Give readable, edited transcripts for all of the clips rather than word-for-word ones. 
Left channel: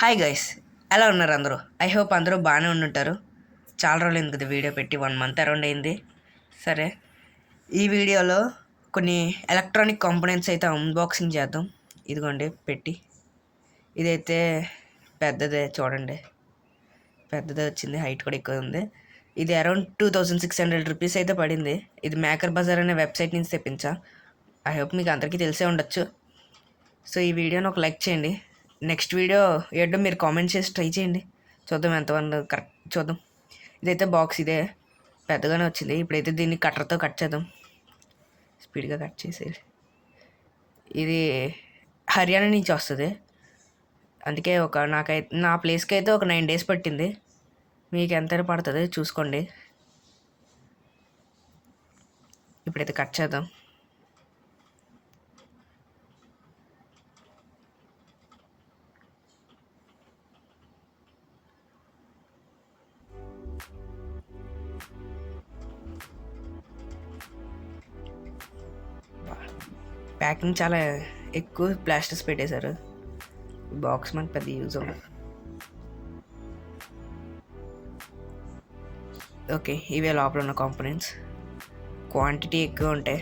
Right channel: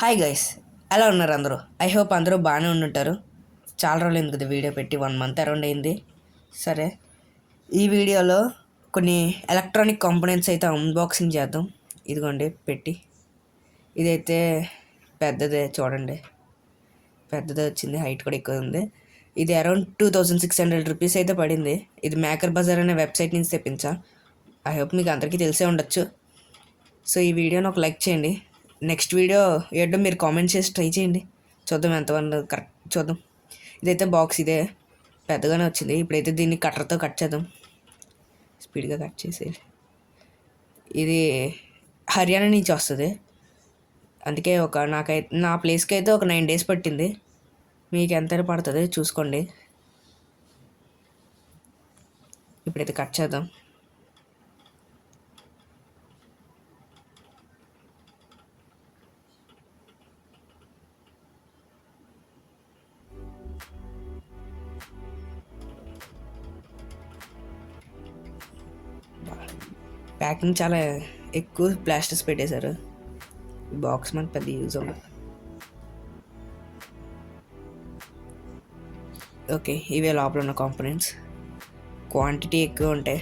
Hi guys, ఎలా ఉన్నారు అందరూ? ఐ హోప్ అందరూ బాగానే ఉండుంటారు. చాలా రోజులు అయింది కదా వీడియో పెట్టి, 1 మంత్ అరౌండ్ అయింది. సరే, ఈ వీడియోలో కొన్ని ఎలక్ట్రానిక్ కాంపోనెంట్స్ అయితే అన్బాక్సింగ్ చేద్దాం. ఇదిగోండి పెట్టి. ఇదైతే పెద్దదే, చూడండి పెద్దదే వచ్చింది, హైట్ కూడా ఎక్కువ ఉంది. ఇది అరౌండ్ 2600 రూపీస్ అయితే పడింది. ఇది మేకర్ బజార్ అనే వెబ్సైట్ నుంచి తెప్పించా. ఐ హోప్ మీకు అందరికీ తెలిసే ఉండొచ్చు. సో ఈ వీడియోని ఒక లైక్ చేయండి. నెక్స్ట్ వీడియో ఏంటో మీరు కామెంట్ చేసి ట్రై చేయండి, చూద్దాం ఎంతమంది కరెక్ట్ చూద్దాం. ఇదైతే బాక్స్ ఇదే పెద్దగానే వచ్చింది. ఇప్పుడైతే దీన్ని కట్టర్తో కట్ చేద్దాం. స్పీడ్గా కట్ చేసేది. ఇది హర్యానా నుంచి వస్తుంది, అందుకే నా ప్లేస్కి అయితే ఒక 9 days పట్టింది. మీకు ఎంతైనా పడుతుంది చూసుకోండి. ఇప్పుడైతే కట్ చేద్దాం. ప్యాకింగ్ చాలా ఎక్కువ ప్లాస్టిక్స్ పెట్టేశారు. బాక్స్ మనకు పెద్ద యూజ్ ఉండదు. ఓకే, ఇవే లోపల ఉన్న కాంపోనెంట్స్. క్వాంటిటీ ఎక్కువ ఉంటాయి.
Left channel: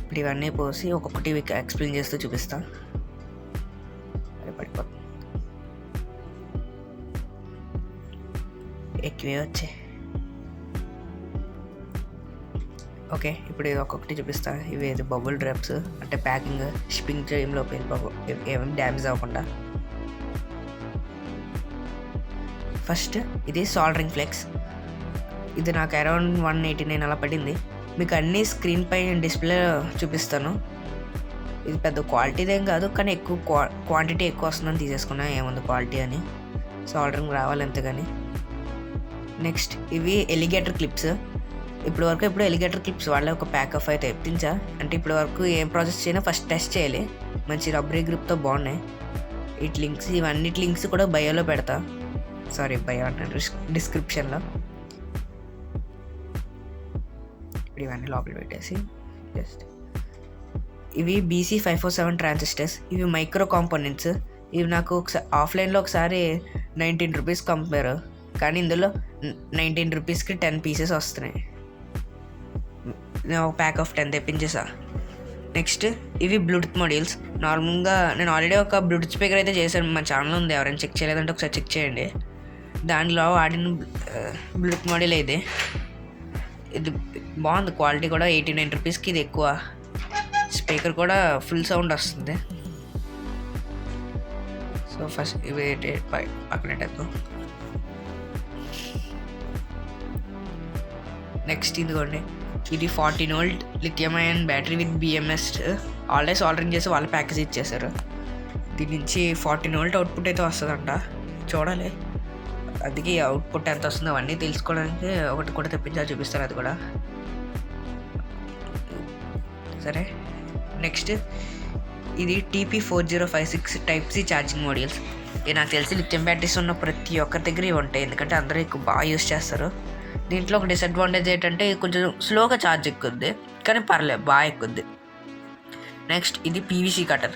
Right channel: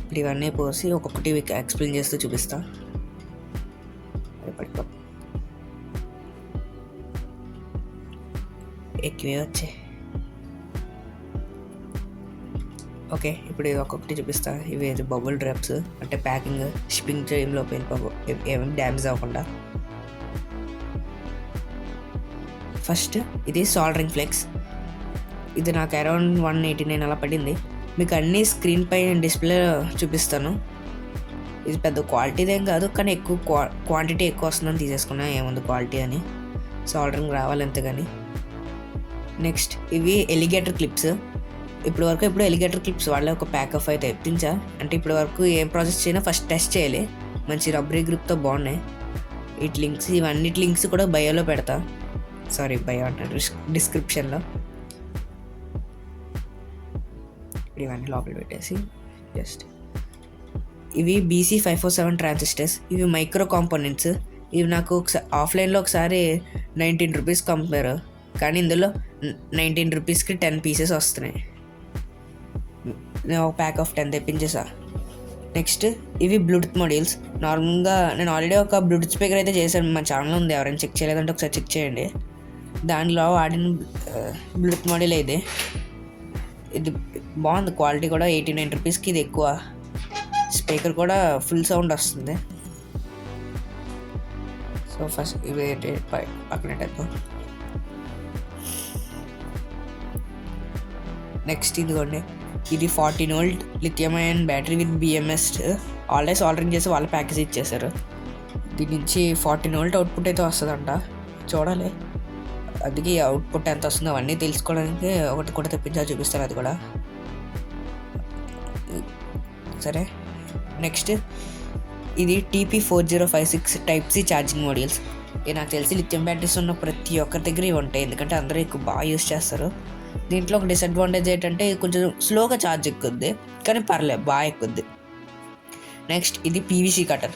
ఇప్పుడు ఇవన్నీ పోసి ఒక్కొక్కటి ఎక్స్ప్లెయిన్ చేస్తూ చూపిస్తా. ఎక్కువే వచ్చాయి. ఓకే, ఇప్పుడు ఒక్కొక్కటి చూపిస్తాను. ఇవి బబుల్ డ్రాప్స్, అంటే ప్యాకింగ్ షిప్పింగ్ టైంలో ఏమేమి డ్యామేజ్ అవ్వకుండా. ఫస్ట్ ఇది సాల్డరింగ్ ఫ్లెక్స్. ఇది నాకు అరౌండ్ 189 అలా పడింది. మీకు అన్ని స్క్రీన్ పై డిస్ప్లే చూపిస్తాను. ఇది పెద్ద క్వాలిటీది ఏం కాదు, కానీ ఎక్కువ క్వాంటిటీ ఎక్కువ వస్తుందని తీసేసుకున్నా. ఏముంది క్వాలిటీ అని, సాల్డరింగ్ రావాలి అంతే. కానీ నెక్స్ట్ ఇవి ఎలిగేటర్ క్లిప్స్. ఇప్పుడు ఎలిగేటర్ క్లిప్స్ వాళ్ళే ఒక ప్యాక్ ఆఫ్ అయితే తెప్పించా. అంటే ఇప్పటి వరకు ఏం ప్రాసెస్ చేయనా ఫస్ట్ టెస్ట్ చేయాలి. మంచి రబ్బరీ గ్రిప్తో బాగున్నాయి. వీటి లింక్స్, ఇవన్నిటి లింక్స్ కూడా బయోలో పెడతా. బయో అంటారు, డిస్క్రిప్షన్లో. ఇప్పుడు ఇవన్నీ లోపల పెట్టేసి జస్ట్ ఇవి BC547 ట్రాన్సిస్టర్స్. ఇవి మైక్రో కాంపోనెంట్స్. ఇవి నాకు ఆఫ్లైన్లో ఒకసారి 19 రూపీస్ కంపారు, కానీ ఇందులో 19 రూపీస్కి 10 pieces వస్తున్నాయి. నేను ఒక ప్యాక్ ఆఫ్ 10 తెప్పించేసా. నెక్స్ట్ ఇవి బ్లూటూత్ మాడ్యూల్స్. నార్మల్గా నేను ఆల్రెడీ ఒక బ్లూటూత్ స్పీకర్ అయితే చేశాను, మా ఛానల్ ఉంది, ఎవరైనా చెక్ చేయలేదంటే ఒకసారి చెక్ చేయండి. దానిలో వాడిన బ్లూటూత్ మాడ్యూల్ ఇది బాగుంది. క్వాలిటీ కూడా 89 రూపీస్కి ఇది ఎక్కువ. స్పీకర్ కూడా ఫుల్ సౌండ్ వస్తుంది. సో ఫస్ట్ ఇవి పక్కనెట్టేద్దాం. నెక్స్ట్ ఇదిగోండి, ఇది 14V lithium ion battery with BMS. Already soldering చేసి వాళ్ళ ప్యాకేజ్ ఇచ్చేసారు. దీని నుంచి 14V అవుట్పుట్ అయితే వస్తుందంట, చూడాలి. అందుకే అవుట్పుట్ ఎంత వస్తుందో అవన్నీ తెలుసుకోవడానికి ఒకటి కూడా తెప్పించాలి, చూపిస్తారు అది కూడా. సరే, నెక్స్ట్ ఇది TP4056 Type-C ఛార్జింగ్ మాడ్యూల్స్. ఇది నాకు తెలిసి లిథియం బ్యాటరీస్ ఉన్న ప్రతి ఒక్కరి దగ్గర ఇవి ఉంటాయి, ఎందుకంటే అందరూ ఎక్కువ బాగా యూస్ చేస్తారు. దీంట్లో ఒక డిసడ్వాంటేజ్ ఏంటంటే ఇది కొంచెం స్లోగా ఛార్జ్ ఎక్కుద్ది, కానీ పర్లేదు బాగా ఎక్కుద్ది. నెక్స్ట్ ఇది PVC కటర్.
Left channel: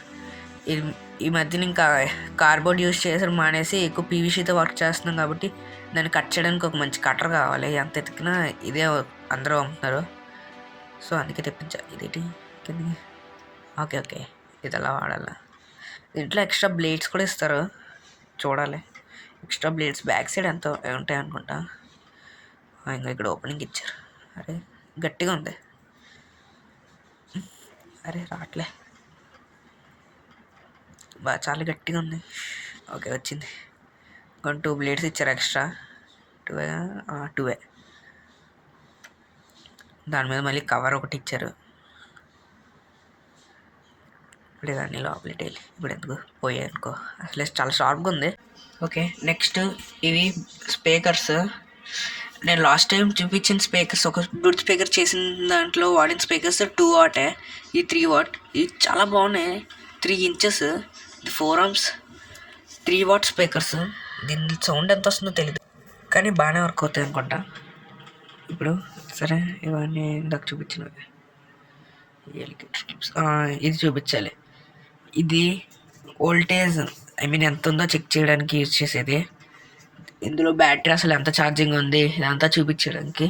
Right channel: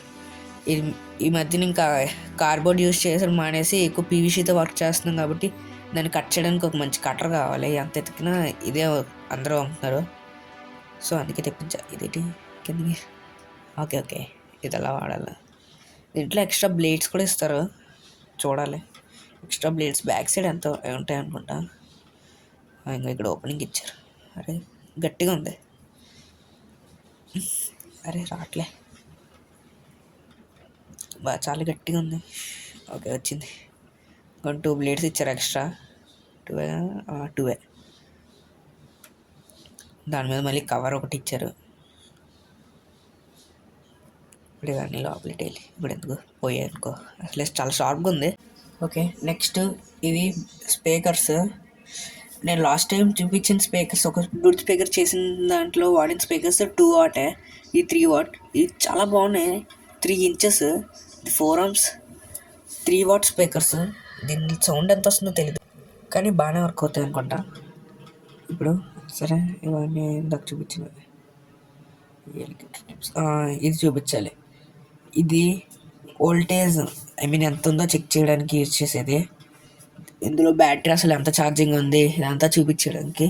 ఇది ఈ మధ్యన ఇంకా కార్బోర్డ్ యూస్ చేసి మానేసి ఎక్కువ PVCతో వర్క్ చేస్తున్నాం, కాబట్టి దాన్ని కట్ చేయడానికి ఒక మంచి కటర్ కావాలి. ఎంత ఎతికినా ఇదే అందరూ అమ్ముతున్నారు, సో అందుకే తెప్పించా. ఇది కిందకి. ఓకే, ఇది అలా వాడాలి. దీంట్లో ఎక్స్ట్రా బ్లేడ్స్ కూడా ఇస్తారు, చూడాలి. ఎక్స్ట్రా బ్లేడ్స్ బ్యాక్ సైడ్ ఎంత ఉంటాయి అనుకుంటా. ఇంకా ఇక్కడ ఓపెనింగ్ ఇచ్చారు. అరే గట్టిగా ఉంది, అరే రావట్లే, చాలా గట్టిగా ఉంది. ఓకే వచ్చింది. ఇంకా 2 బ్లేడ్స్ ఇచ్చారు ఎక్స్ట్రా. 2 దాని మీద మళ్ళీ కవర్ ఒకటి ఇచ్చారు. ఇప్పుడు ఇవన్నీ లోపలికి వెళ్ళి ఇప్పుడు ఎందుకు పోయాయి అనుకో, అసలే చాలా షార్ప్గా ఉంది. ఓకే, నెక్స్ట్ ఇవి స్పీకర్స్. నేను లాస్ట్ టైం చూపించిన స్పీకర్స్, ఒక బ్లూటూత్ స్పీకర్ చేసిన దాంట్లో వాడిన స్పీకర్స్ 2W, ఈ 3W. ఇవి చాలా బాగున్నాయి. 3 inches, ఇది 4 ohms 3W స్పీకర్స్. దీని సౌండ్ ఎంత వస్తుందో తెలియదు, కానీ బాగానే వర్క్ అవుతాయి అనుకుంటా. ఇప్పుడు సరే, ఇవన్నీ ఇందాక చూపించినవి. ఇది చూపించాలి. ఇది వోల్టేజ్ ఐ మీన్ ఎంత ఉందో చెక్ చేయడానికి యూజ్ చేసేది. ఇందులో బ్యాటరీ అసలు ఎంత ఛార్జింగ్ ఉంది ఇదంతా చూపించడానికి,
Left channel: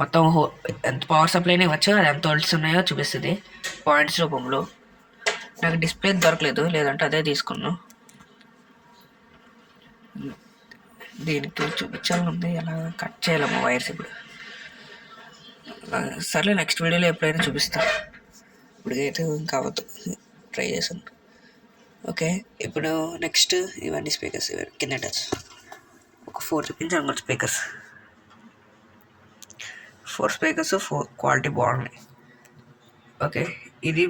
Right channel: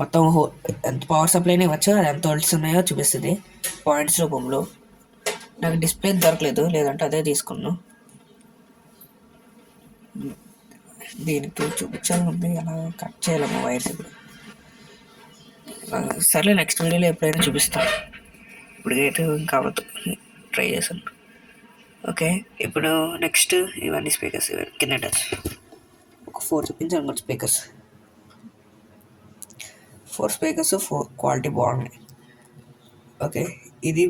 మొత్తం ఎంత పవర్ సప్లైని ఇవ్వచ్చు, అది ఎంత వోల్ట్స్ ఉన్నాయో చూపిస్తుంది పాయింట్స్ రూపంలో. నాకు డిస్ప్లే దొరకలేదు, లేదంటే అదే తీసుకున్నాను. దీనికి చూపించాలి, ఎలా కట్ చేయాలమ్మా వైర్స్ ఇప్పుడు. సర్లే నెక్స్ట్ వీడియోలో ఎప్పుడైనా చూపిస్తాను, ఇప్పటికైతే ఇంకా అవ్వదు, ట్రై చేశాను. ఓకే, ఇప్పుడు నెక్స్ట్ ఇవన్నీ స్పీకర్స్ కింద టచ్ ఒక 4 చూపించాను అనుకోండి. ఫోర్ స్పీకర్స్ క్వాలిటీ బాగున్నాయి. ఓకే, ఇది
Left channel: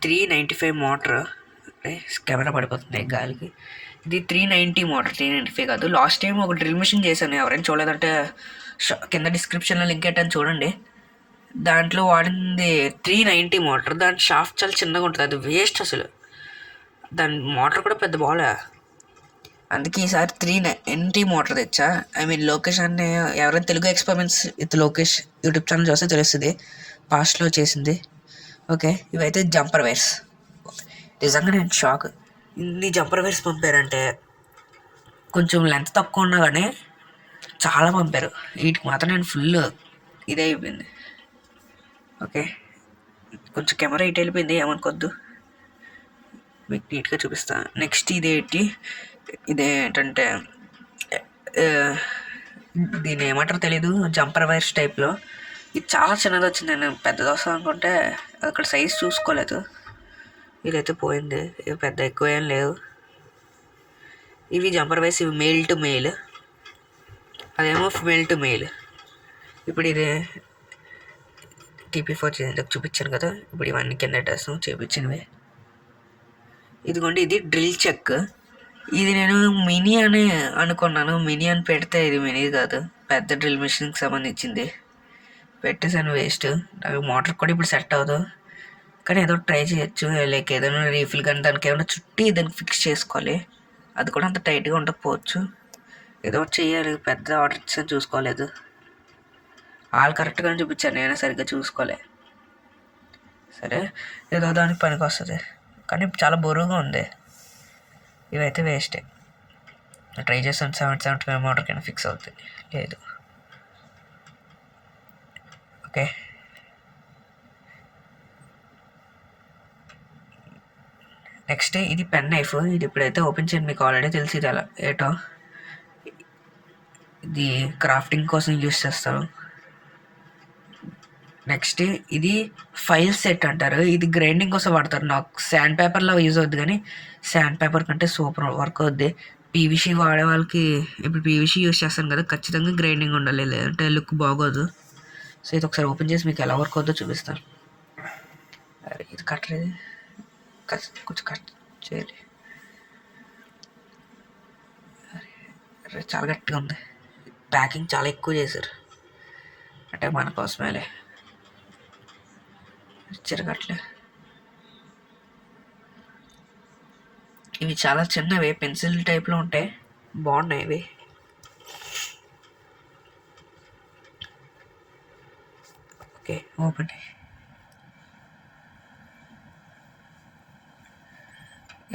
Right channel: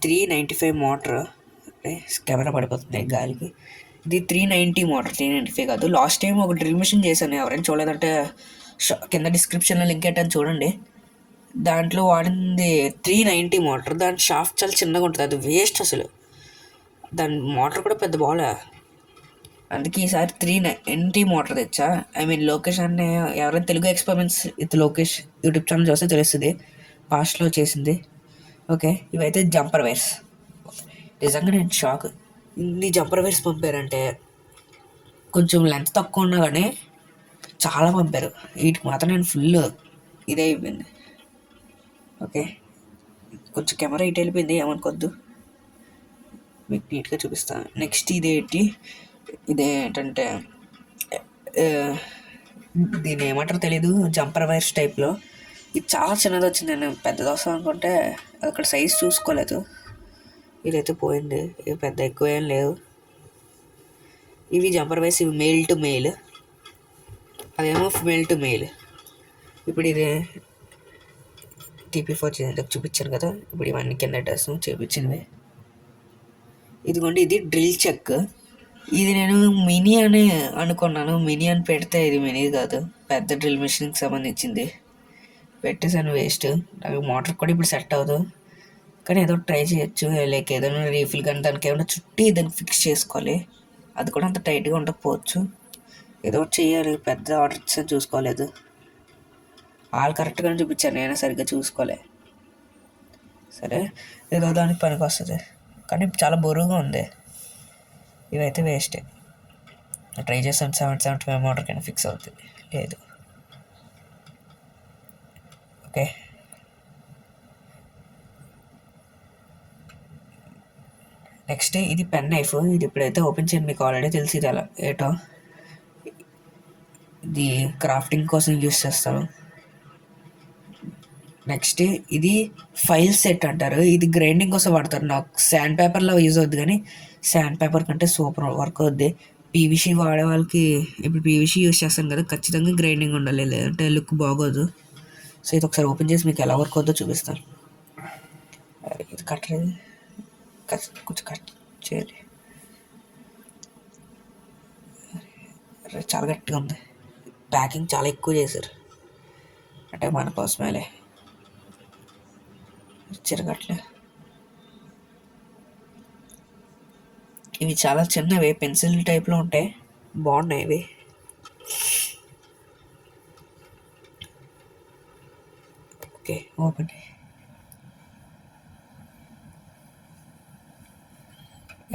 395 మోటార్. కెమెరా పడిపోతుంది గాలికి. ఇది 390 మోటార్, 395 కాదు. లాస్ట్ టైం ఒక డ్రిల్ మిషన్ చేశాను, ఎవరైనా చూడలేదంటే కింద డిస్క్రిప్షన్లో లింక్ పెట్టాను చూడండి. దాంట్లో వాడింది 390 మోటార్. దాని షాఫ్ట్ చాలా చిన్నగా ఉంటుంది, అది వేస్ట్ అసలు. దాని మోటార్ కూడా పెద్ద బాగా, అందుకే ఈసారి 390 మోటార్ తెచ్చా. ఐ మీన్ లోకేష్ అనే ఎవరైనా Telugu experiments with Lokesh YouTube channel చూస్తే తెలుస్తుంది, పాస్ట్లో చేసింది. ఓకే, ఇవైతే జంపర్ వైర్స్. నిజంగా నేను షాక్, ఇన్ని జంపర్ వైర్స్ పంపారంటే. కొంచెం లెంత్ తక్కువ ఉన్నా కానీ చాలా పంపారు. వీటికి మాత్రం నేను ఫుల్ ఇదే అయిపోయింది. ఓకే, కొంచెం కెమెరా ఇటు వెళ్ళిపోయింది, ఏమనుకోద్దు, మీకు నీట్గా చూపిస్తాను. నెక్స్ట్ ఇదేంటంటే దీన్ని ఏమంటారో తెలీదు, జంపర్ వైర్స్ టైప్లో. ఇది చాలా చిన్నది వచ్చింది, నేను పెద్దది వస్తాను అనుకుంటే అక్కడ సైజ్ చూసుకోలేదు. ఇదైతే పోయింది, ఇవి పెద్ద ఎక్కువ ఏం లేవు. ఇవి జంపర్ వైర్స్, ఇవి మెయిల్ టు మెయిల్, అదేమో ఫిమేల్ టు మెయిల్. ఇప్పుడు ఇది TP4 చూపించాను కదా, ఇప్పుడు ఇవన్నీ కింద డ్రెస్ చూపించినవి. ఇదిగోండి, ఇది డ్రిల్ చెక్. ఇది నేను మినీ అని అనుకున్నాను, మినీ అని పెడితే ఇది మినీ కాదు, పెద్ద డ్రిల్ మిషన్కి సంబంధించింది. పెట్టేసాను, వేస్ట్. నాకు మోటార్ కూడా ఇప్పుడు సెట్ అవ్వదు, కానీ ఏదో ట్రై చేయొచ్చు. లైక్ ఏదైనా రీఫిల్ కానీ దానికి ఏమైనా చుట్టి దానికి ఫిక్స్ చేసుకోవాలి, అది కూడా అంత టైట్గా ఉండకపోవచ్చు. ఏదో ఒకటి చేయాలి, పెద్ద ఆర్డర్ ఇచ్చాను చూసుకోలేదు. వాళ్ళు కరెక్ట్గానే చూపించాను, నేను సరిగ్గా చూసుకోలే. సరే, ఏదో దానికి పనికి వస్తుంది, కానీ చాలా బరువుగా ఉంది. ఇవైతే వేస్టే. ట్రై చేస్తాను, 775 మోటార్ కింద ఫిక్స్ అవుతుంది, లేదు. ఓకే, నెక్స్ట్ ఇది పెన్ నైఫ్. ఇది ఇప్పుడైతే ఓపెన్ చేయండి, మీకు ఆల్రెడీ తెలిసి ఇది ఎలా ఏటో. ఇది క్రాఫ్టింగ్ కోసం యూస్ చేస్తాను. నెక్స్ట్ ఇది ఫైల్ సెట్ అంటారు, ఇది గ్రైండింగ్ కోసం వాడతారు. నాకు శాండ్ పేపర్లో యూజ్ అవుద్ది, కానీ శాండ్ పేపర్ కంటే సూపర్ వర్క్ అవుద్ది. పీవీసీ వాడే వాళ్ళకి, ఇప్పుడు పీవీసీ యూజ్ చేస్తాను కదా, ఖచ్చితంగా గ్రైండింగ్ ఉండాలి, లేదంటే లుక్ బాగోదు. సో ఇది ఒకసారి ఓపెన్ చేసి మీకు ఎలా వర్క్ అవుతుందో చూపిస్తాను. ఇది కట్టలేదు, కొంచెం కట్ చేయాలి. చాలా గట్టిగా ఉంది, ప్యాకింగ్ చాలా ఎక్కువ చేశారు, అంటే మన కోసమేలే. చిరగట్లే. ఇవి చాలా చిన్నవి, పెన్సిల్ టైప్లో ఉంటాయి, బాగున్నాయి ఇవి. Okay, open.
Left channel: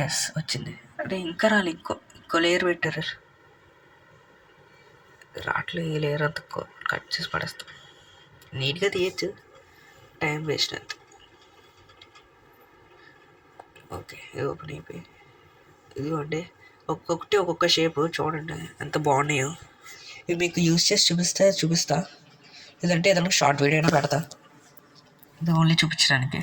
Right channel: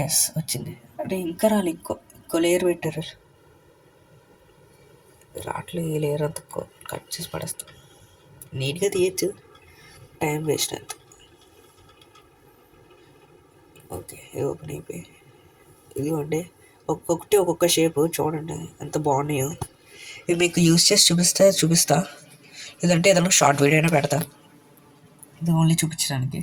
ఎస్, వచ్చింది. అంటే ఇంకా రాలి, ఇంకో లేయర్ పెట్టారు. రాట్లేదు, ఈ లేయర్ అంతా కట్ చేసి పడేస్తాం. నీట్గా తీయచ్చు, టైం వేస్ట్ అంత. ఓకే, ఇది ఓపెన్ అయిపోయి. ఇదిగోండి, ఒక్కొక్క షేప్ చూడండి ఎంత బాగున్నాయో. ఇవి మీకు యూస్ చేసి చూపిస్తా, లేదంటే ఏదైనా షార్ట్ వీడియో అయినా పెడతా, ఇది ఓన్లీ చూపించడానికి.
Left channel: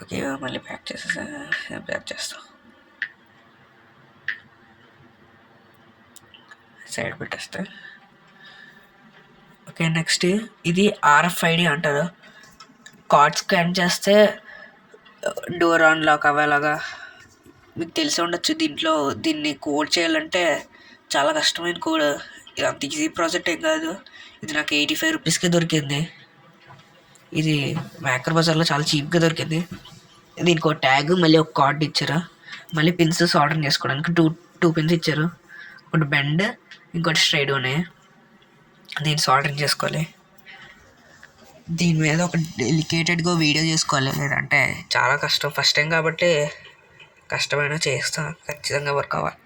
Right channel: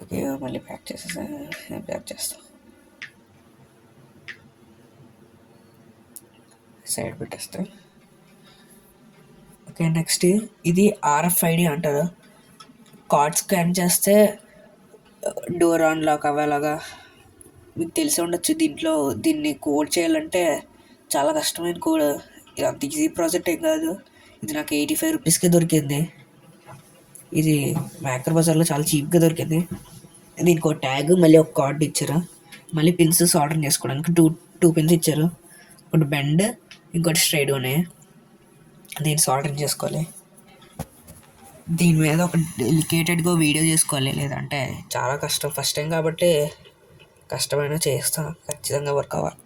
ఓకే, మళ్ళీ ప్యాక్ చేస్తాం, సైడ్ పెట్టేస్తే. ఓకే, నెక్స్ట్ ఇది RFID అంటారు. కార్డ్ స్కాన్ చేస్తే డోర్ అన్లాక్ అవ్వేలాగా, మీకు తెలిసి ఉండొచ్చు. దీన్ని కోడ్ చేయాలంటే చాలా కష్టమైన కోడ్, ఇది అంత ఈజీ ప్రాజెక్ట్ ఏం కాదు. ఇది నాకు 85 రూపీస్కే దొరికింది. ఇది మ్యాకర్ బజార్లో చాలా చీప్గా దొరికింది. దీనికి ఒక ట్యాగ్, మళ్ళీ ఒక కార్డ్ ఇచ్చారు, మళ్ళీ పిన్స్ ఆర్డర్ చేసుకోవడానికి టూ పిన్స్ ఇచ్చారు, ఒకటి బెండ్, ఇంకోటి స్ట్రైట్ ఉన్నాయి. దీన్ని సాల్డరింగ్ చేసుకోవాలి. దీని మీద ఒక డెలికేటెడ్గా వీడియో చేసుకోవాలి, లేదంటే చాలా కష్టం. ఫస్ట్ టైం కాబట్టి కష్టమైనా చేస్తాను, ఖచ్చితంగా వర్క్ అవ్వాలి.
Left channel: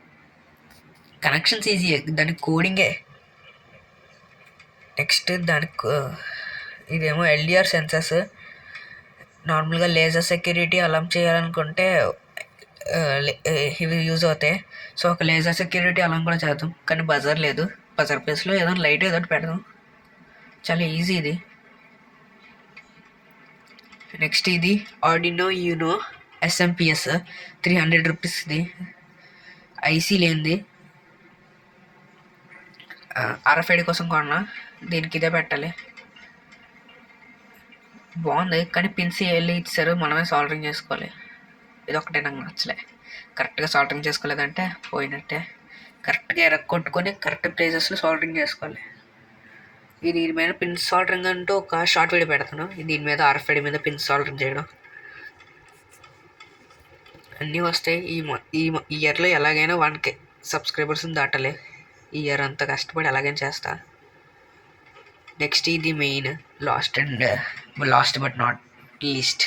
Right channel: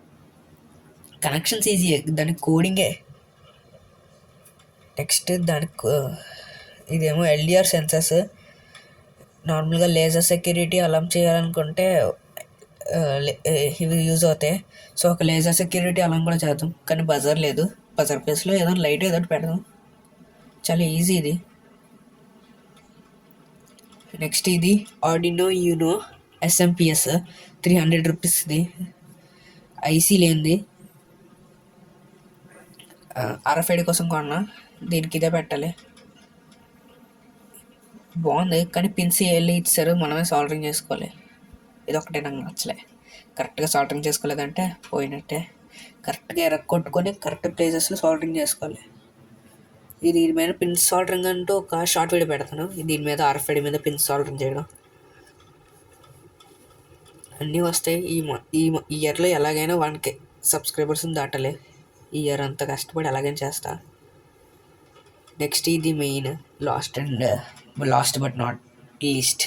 కనెక్షన్స్ ఈజీ, దానికి కోడింగే. నెక్స్ట్ దానికి ఇదేమో ఎల్డిఆర్ సెన్సర్స్. నార్మల్గా లేజర్ సెక్యూరిటీ అలాం చేయాలనుకుంటే ఇవి యూజ్ అవుతాయి. సో ఒక లేజర్ సెక్యూరిటీ అలాం కూడా చేద్దాం, కానీ బజర్ లేదు. బజర్ ప్లేస్లో ఏదో లైట్ ఏదో పెడదాం, చాలా ఈజీ ఇది. నెక్స్ట్ ఇది ఆర్డినో యూనో ఎస్ఎంపిఎస్ 300 రూపీస్ది, ఐసీ లేనిది. RFID కోసం కొన్నా, దీనికి ఇదే పెట్టాలి. బాగుంది, కానీ పిన్స్ వెళ్ళి ఇచ్చారు, మనమే సాల్డరింగ్ చేసుకోవాలి. ఇది ఒకటే నాకు నచ్చలే. కరెక్ట్గా సాల్డరింగ్ చేసుకోలేదంటే పోయినట్టే. కరెక్ట్గా కొట్టుకొని కరెక్ట్ ప్లేసెస్లో సాల్డరింగ్ చేసుకోవాలి. దీని మీద పిన్ సాల్డరింగ్ అంటూ ఒక షార్ట్ వీడియో పెడతాను. దీని మీద RFID మీద పిన్ సాల్డరింగ్ చేయడం అన్నీ వస్తాయి. ఈ ఇయర్లో ఎలాగైనా 1K సబ్స్క్రైబర్స్ని దాటాలి. ఈ ఇయర్ అంతా కష్టపడి ఎలాగైనా చేస్తా. నెక్స్ట్ ఇది main last but not least,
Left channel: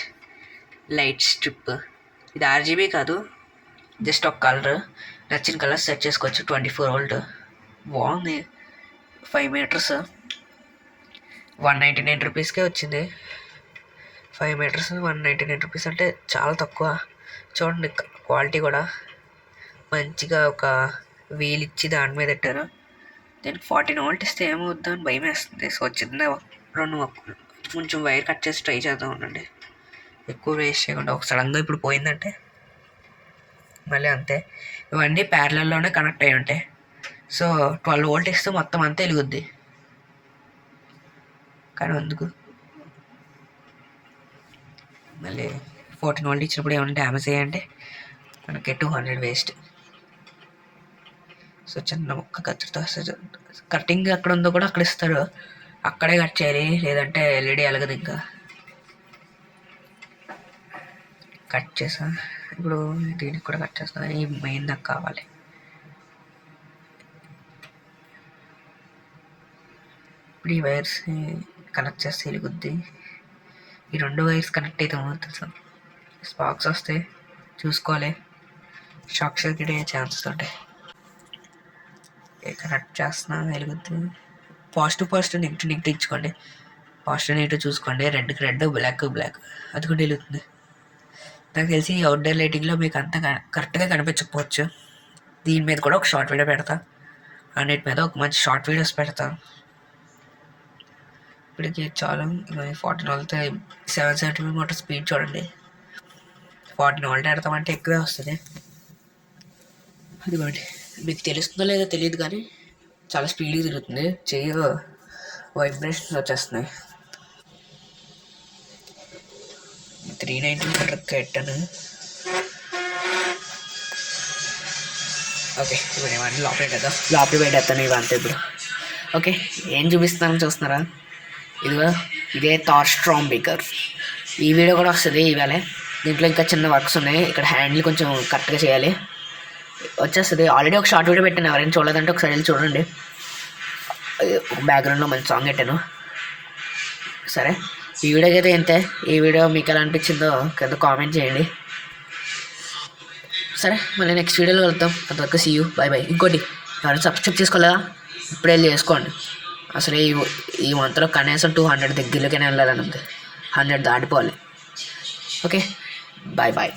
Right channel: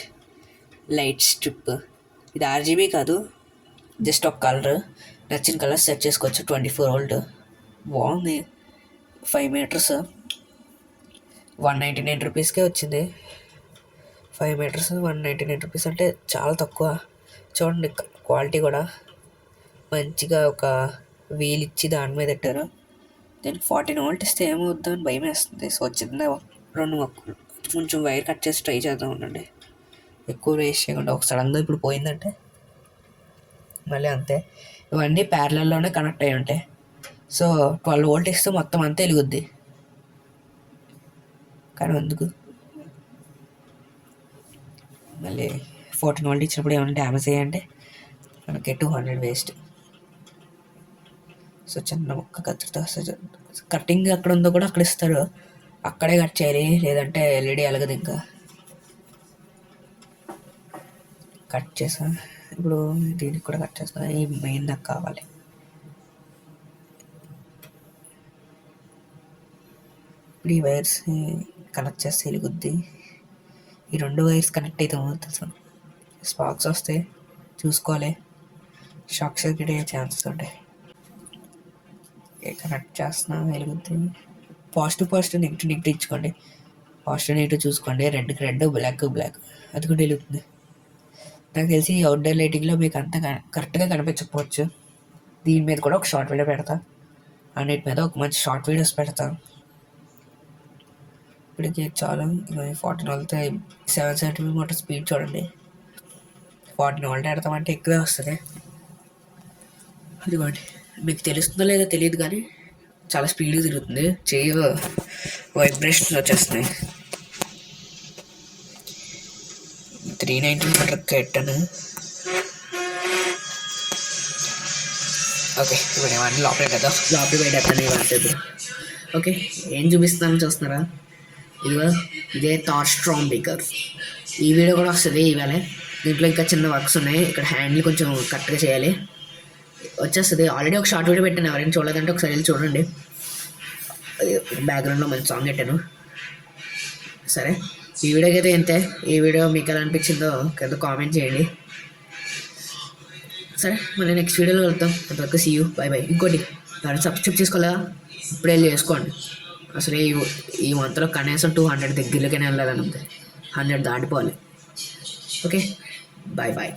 light strip. ఇది RGB కాదు, జస్ట్ ఒక కలర్, నచ్చిన కలర్ సెట్ చేసుకోవచ్చు. 24 వోల్ట్, బాగుంది. 5 మీటర్స్ 199 రూపీస్కే వచ్చింది. 5 మీటర్స్ 199 రూపీస్ అంటే చాలా తక్కువ. చూడండి క్వాలిటీ కూడా మంచిగా, ఒక వీల్ ఇచ్చి దాని మీద పెట్టారు. దీనికి 14 వోల్ట్ ఇస్తే ఏమవుద్దా అని భయం వేస్తుంది. సో చిన్న 2 కొంచెం వైర్ కట్ చేసి ట్రై చేద్దాం ఉండండి, ఎక్కువ వేస్ట్ చేయకుండా. ఒక సడన్గా ఇప్పుడు పోయిందంటే మళ్ళీ అంతే. ఇవన్నీ ప్యారలల్లోనే కనెక్ట్ అయ్యి ఉంటాయి. సో 12 వోల్ట్ ఇస్తే మొత్తం అంతా వెలుగుద్ది, కానీ అందుకు మళ్ళీ 14 వోల్ట్ ఇచ్చినప్పుడు ఏమైనా డ్యామేజ్ అయ్యాయంటే మనకి 200 వేస్ట్. సో చిన్న మొక్క కత్తిరితో కటింగ్ ఎక్కడ ఉందో కూడా అక్కడ ఇస్తారు, అక్కడే కట్ చేయాలి, లేదంటే ఎల్ఈడి ఎలగదు. ఇంకా కట్ చేసా. ఇప్పుడు దీనికి కూడా కట్ చేస్తాను, ఈ మెయిన్ నాకు కావాలి. ఇప్పుడు ఈ వైర్స్ కనెక్ట్ చేస్తే వెలుగుద్ది. ఈ 2 వైర్స్ కనెక్ట్ అయితే తెలుసు, స్పార్క్స్ వస్తే చూసుకోవాలి, షాక్ సర్క్యూట్ అయ్యే ఛాన్సెస్ ఉంటాయి. కనెక్ట్ చేస్తున్నా, వెలుగుద్ది. పాజిటివ్ నెగిటివ్ ఇచ్చుకోండి. పాజిటివ్ నెగిటివ్ చూసుకోండి. రెడ్కి రెడ్, బ్లాక్ అది కూడా వెలుగుతుంది. నాకు తెలిసి అవుట్డోర్ లైటింగ్లో మీకు అంత కరెక్ట్గా కనిపించకపోవచ్చు. దీని మీద కూడా ఒక షార్ట్ వీడియో పెడతా, అన్నిటి మీద ఒక మంచి షార్ట్ వీడియోస్ పెడతా. ఇప్పటికి చాలా 14 వోల్ట్ 770 మోటార్ స్పీడ్ చూడండి. 14 వోల్ట్ పెడతామంటే ఎక్కువే వస్తుంది. అదిగోండి, మీకు తెలుస్తుందో లేదో తెలియదు, కానీ చాలా స్పీడ్గా తిరుగుతుంది. చెయ్యి వైబ్రేషన్స్ వచ్చేస్తున్నాయి. 390 మీటర్ పెట్టాను. ఓకే, ఇప్పుడు ఇవన్నీ లోపలే కదా, లోపల పెట్టేస్తాను ఇవంతా. ఇప్పుడు ఓకే, ఏం చూపిస్తున్నాను చూస్తున్నారా? ఇదే థార్ స్ట్రామ్ బేకర్. ఈ వీడియో కూడా వస్తుంది ఇవాళ. దీంట్లో ఇంకా చిన్న వర్క్స్ ఉన్నాయి. ఇక్కడ హ్యాండిల్ కొంచెం కరెక్ట్గా చేయాలి, వచ్చేస్తుంది. ఆల్రెడీ ఒక షార్ట్ వీడియో పెట్టాను, ఎవరైనా చూడలేదంటే ఒకసారి వెళ్ళి చూడండి. బ్యాక్గ్రౌండ్లో మంచి సాంగ్ పెట్టాను. సరే, ఈ వీడియోకి అయితే ఇంతే. ఈ వీడియో మీకు ఎలా అనిపించిందో కింద కామెంట్ చేయండి. సరే, మళ్ళీ నెక్స్ట్ వీడియోలో వెళ్తాం. అంతవరకు సీ యూ, బై. ఇంకోటి, ఎవరైనా సబ్స్క్రైబ్ చేసుకోలేదా? ఇప్పుడే వెళ్ళి చేసుకోండి. అసలు ఈ మంత్లో కనీసం 200 దగ్గరలోకైనా వెళ్ళాలని ఉంది. 100 దాటిపోవాలి. Okay, bye.